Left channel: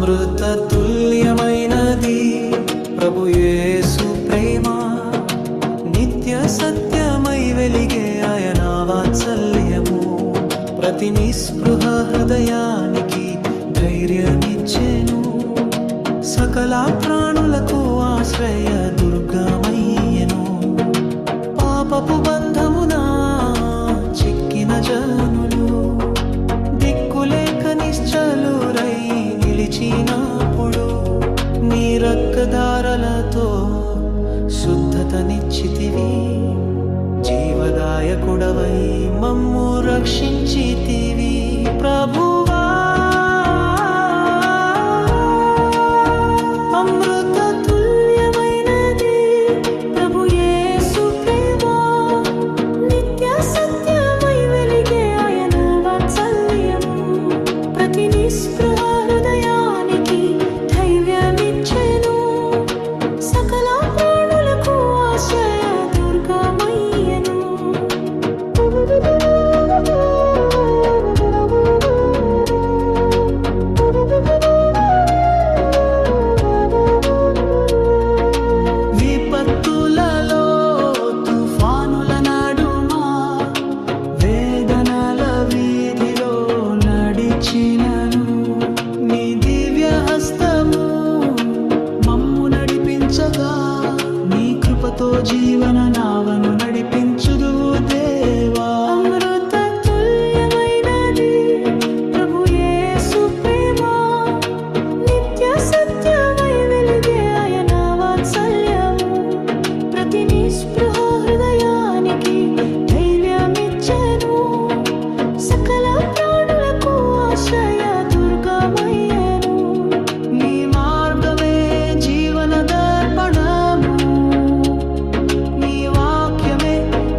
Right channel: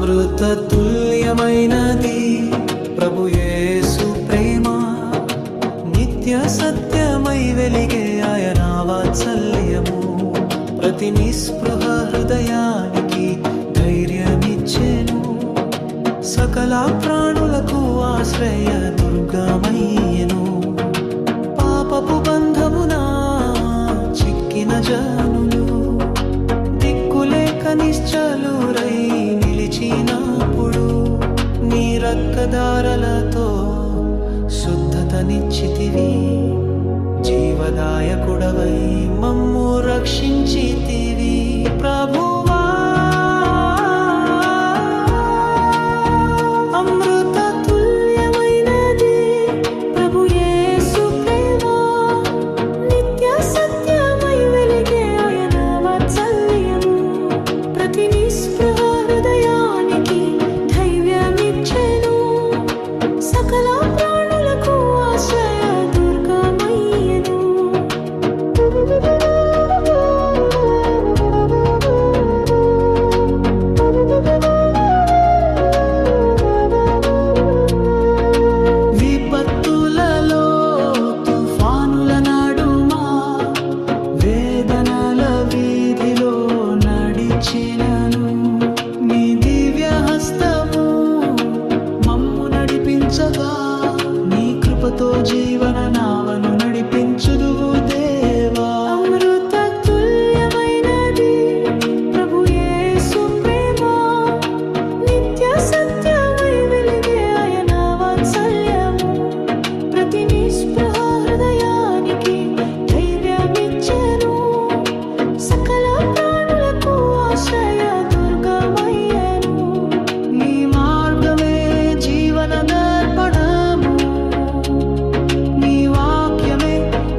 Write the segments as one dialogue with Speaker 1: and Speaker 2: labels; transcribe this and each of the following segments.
Speaker 1: అమృత తుల్యమైనది ప్రభుయేసు ప్రేమ నిత్య సత్యమై వెలిగే ఆయన వాత్సల్యము. ప్రతి నిస్పృహ హృదయానికి ధైర్యమిచ్చెను. సకల ప్రాణులకు ఆశ్రయ దుర్గమయ్యెను. పాపపు బంధమున చిక్కిన జనులు దిక్కులేక నిశ్చలురైని నిలిచినప్పుడు నీ రక్కదారలతో శుద్ధతనిచ్చితివి. జీవదాయకుడవై మమ్ము రక్షించితివి. ప్రభువా సకల ప్రాణులకు ఆశ్రయ దుర్గమయ్యను. విపత్తులలో తుఫానుల నడుమా వేదనల వీధిలో నడిచినను. నీ దివ్య హస్తము నడిపించగా నీ కృపతో జీవన నావను నడిపించుదువు దేవా. అమృత తుల్యమైనది ప్రభు యేసు ప్రేమ నిత్య సత్యమై వెలిగే ఆయన వాత్సల్యము. ప్రతి నిస్పృహ హృదయానికి ధైర్యమిచ్చెను. సకల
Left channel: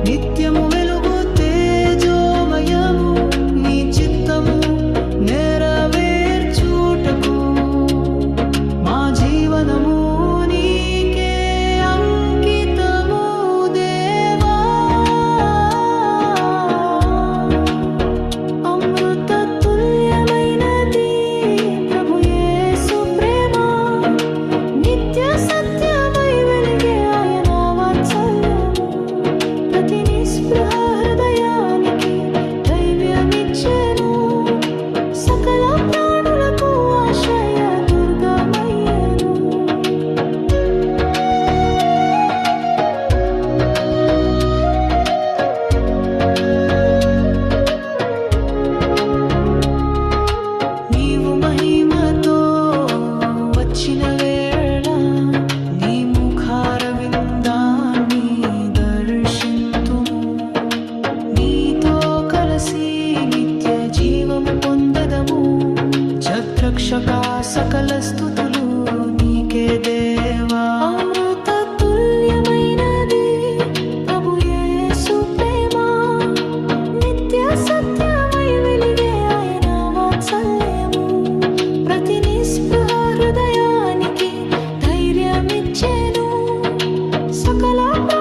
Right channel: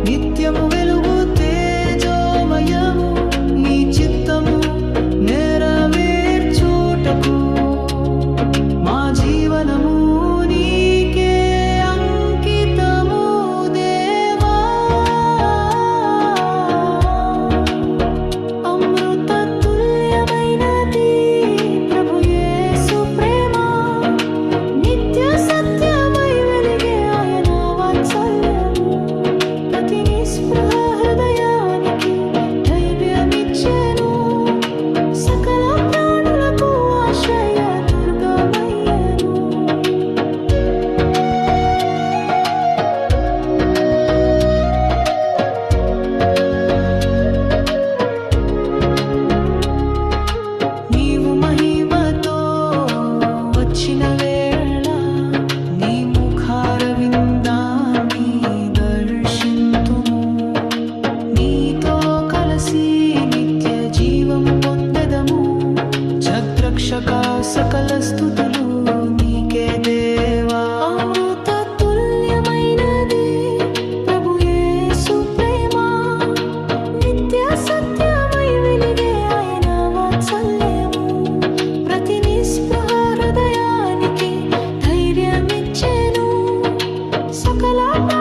Speaker 1: నిత్యము వెలుగు తేజోమయము నీ చిత్తము నెరవేర్చూటకు మా జీవనము వచ్చిన వేళ నీ ముఖార విందాన్ని దర్శింతుము. నీతో కలసి నిత్య జీవము పొందెదము. జద్రక్షక సకల స్థుతులు నీకే దేవా. అమృత తుల్యమైనది ప్రభు యేసు ప్రేమ. నిత్య సత్యమై వెలిగే ఆయన వాత్సల్యము. ప్రతి నిస్పృహ ధైర్యమిచ్చాను. సకలా